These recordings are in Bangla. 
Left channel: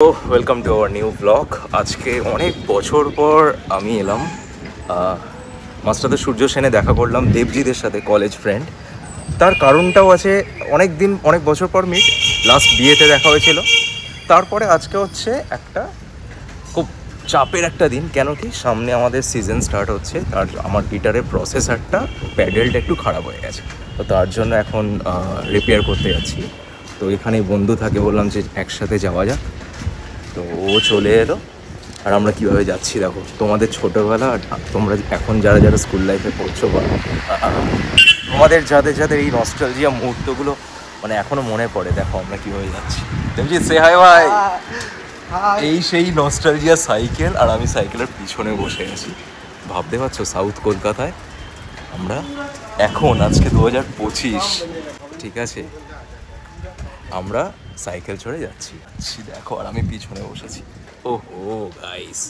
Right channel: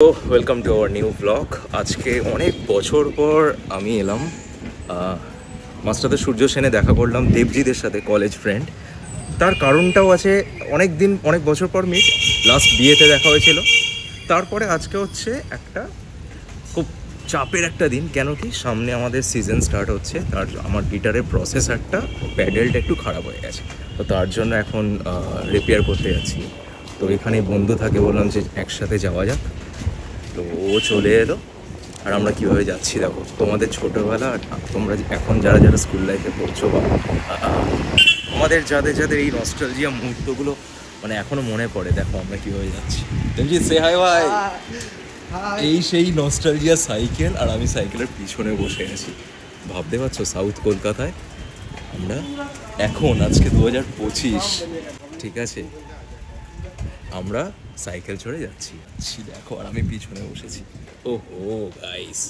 Welcome to our new blog. আজকে অনেক বছর পর আমি এলাম মাস্টারদা সূর্য সেনে দেখা করলাম দেবজিতের সাথে, কলেজ ফ্রেন্ড। তার কারণটাও আছে, অনেক বছর পর মিট, লাস্ট বিয়েতে দেখা হয়েছিল। তারপরে আজকে হচ্ছে একটা খুব চাপের একটা দিন। কেন কি, সামনে আমাদের সিজন স্টার্ট হচ্ছে। আমার গিটারের প্রসেসরটা, প্যাডেলটা একটু খারাপ হয়ে গেছে, তো তার জন্য এখন রিপেয়ার করতে যাচ্ছি। তো এখানে বন্ধু থাকে, বললাম যে একসাথে যাওয়া যাক। তো ও চলে এলো, আর আমরা কীভাবে যাচ্ছি দেখো। তোমাদের ছোটোবেলা আর তোমরা এখন যারা যারা স্কুল লাইফে পড়ছো বা তোমাদের যাদের এই নস্টালজিয়া মুহূর্তগুলো মানে এখনো মনে পড়ে, দেখো আমরা কীভাবে যাচ্ছি। সে হাই ভাই, এই সেই নস্টালজিয়া সাইকেল, আর আমি সাইকেলের পিছনে বসে আছি। ভাবতে পারছো, সাউথ কলকাতায় আমরা এখন, আজকে 2025, ঠিক আছে, আমরা সাইকেল চড়ে যাচ্ছি দেখো, আর আমি পিছনে বসেছি। ওহো গাইস,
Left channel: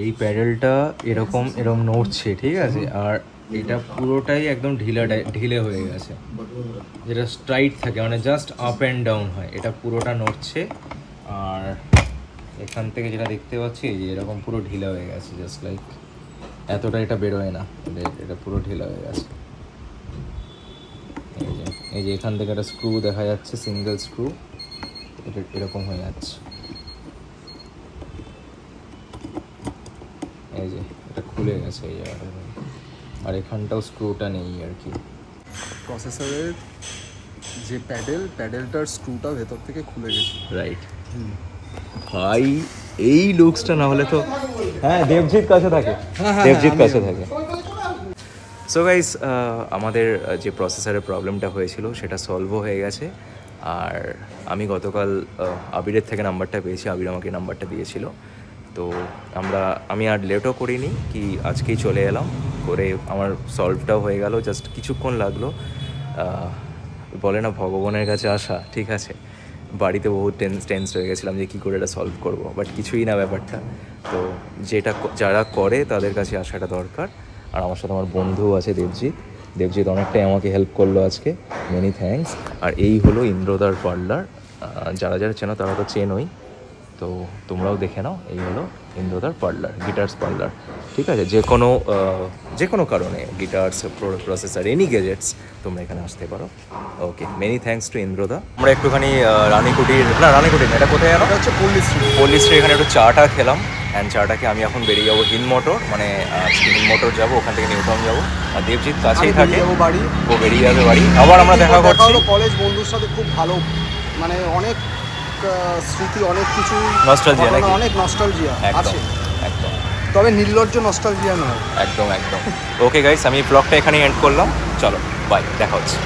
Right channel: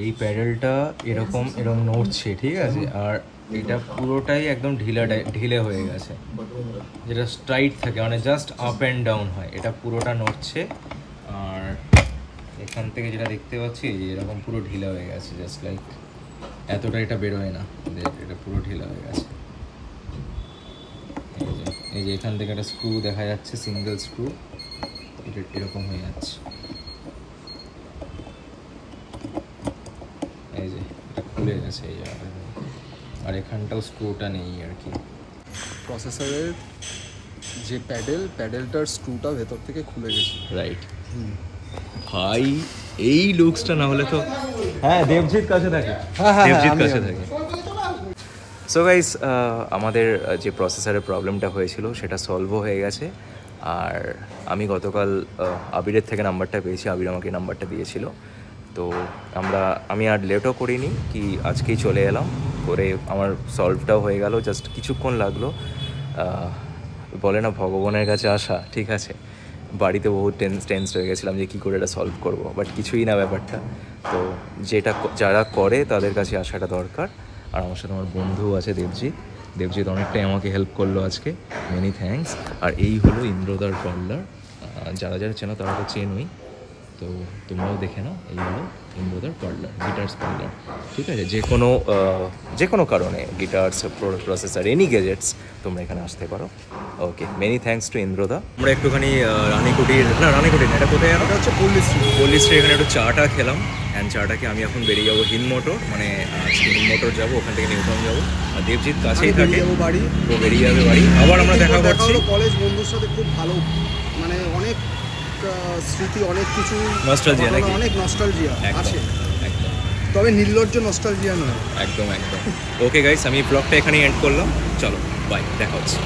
এই প্যাডেলটা এরকম নড়ছে, ঠিক আছে, আর এটা পুরোটাই একদম ঢিলে হয়ে গেছে। যেটা স্ট্রাইট থাকে, মানে জাস্ট আপ অ্যান্ড ডাউন হয়, এটা পুরোটা নড়ছে। আর এখান থেকে যেটা দেখতে পাচ্ছি, এই যে এরকম পুরো ঢিলা হয়ে গেছে, জাস্ট লাইক এতটা এটা বেরোয় না, এটা পুরো ঢিলা হয়ে গেছে। এই যে এখান থেকে একটা স্ক্রু দেখা যাচ্ছে, সিঙ্গেল স্ক্রু, এটা এরকম হয়ে যাচ্ছে। এই যে এটা খুলে গেছে এই জায়গাটা, আর এখানটাও স্ক্রুটা নেই আর কি। প্রসেসরের যে প্যাডেলটার স্ক্রুটা ভেতর থেকে খুলে গেছে। রাইট ভাই, এই লুকসটা না হলে তো। হ্যাঁ, দেবজিৎ কাছে থাকে, দেবজিৎ কাছে থাকে। সো গাইস, আমাদের যে প্রসেসরের প্রবলেমটা হয়েছিল সেটা সলভও হয়ে গেছে। আর আমি গতকাল আবিরের থেকে নাম্বারটা পেয়েছি, আবির আমাকে নাম্বারটা দিয়েছিল। তো আমি আর লেটও করিনি, কি আজকেই চলে এলাম করে, আমার সলভটাও হয়ে গেল, জাস্ট কিছুক্ষণ লাগলো। বলে না ভগবানের কাছে আসা, ঠিক আছে। বাড়িতে বহুত টেন্স হয়ে গেছিলাম যে কী করে এটা সলভ করবো, বাট কিছুই না ব্যাপারটা। তো যারা করে তাদের কাছে আসাটা দরকার। আর আমার সাথে আমার বন্ধুও আছে দেবজিৎ অনেকটাই আমাকে হেল্প করলো আজকে, মেনি থ্যাঙ্কস। আর এই হলো ইন্দ্রদার পার্লার, যারা চেনো তারা তো চেনোই, তো তোমরাও দেখে নাও। এই হলো ইন্দ্রদার পার্লার, গিটার্স পার্লার, ঠিক আছে। যে কোনো কারণে গিটার্স, প্রসেসর, এনি গ্যাজেটস, তোমরা এখানে আসতে পারো। ওকে, মেনি থ্যাঙ্কস টু ইন্দ্রদা। আমরা একটুখানি রানীকুটির না, এটা কোথায় জানো? হচ্ছে পল্লী স্ট্রিট, এখানে একটু চাটা খেলাম। অ্যান্ড চাটাকে আমি এখন বেরিয়ে যাবো হিল মোটর যাবো, ওখান থেকে নিউটাউন যাবো। আর দেবজিৎ কাছেই থাকে, বাড়ি, ও বেরিয়ে যাবে বাড়ি। আবার আমরা দেখা করছি। কলেজ বন্ধুর সাথে খুব ভালো, মানে অনেক স্মৃতি, অনেক কিছু নস্টালজিয়া, অনেক নস্টালজিয়া আছে, একদম। তবে নির্লজ্জ নস্টালজিয়া নয়। একদম। ওকে গাইস, আমি ব্লগটা এখানেই এন্ড করলাম। চলো বাই, দেখা হচ্ছে।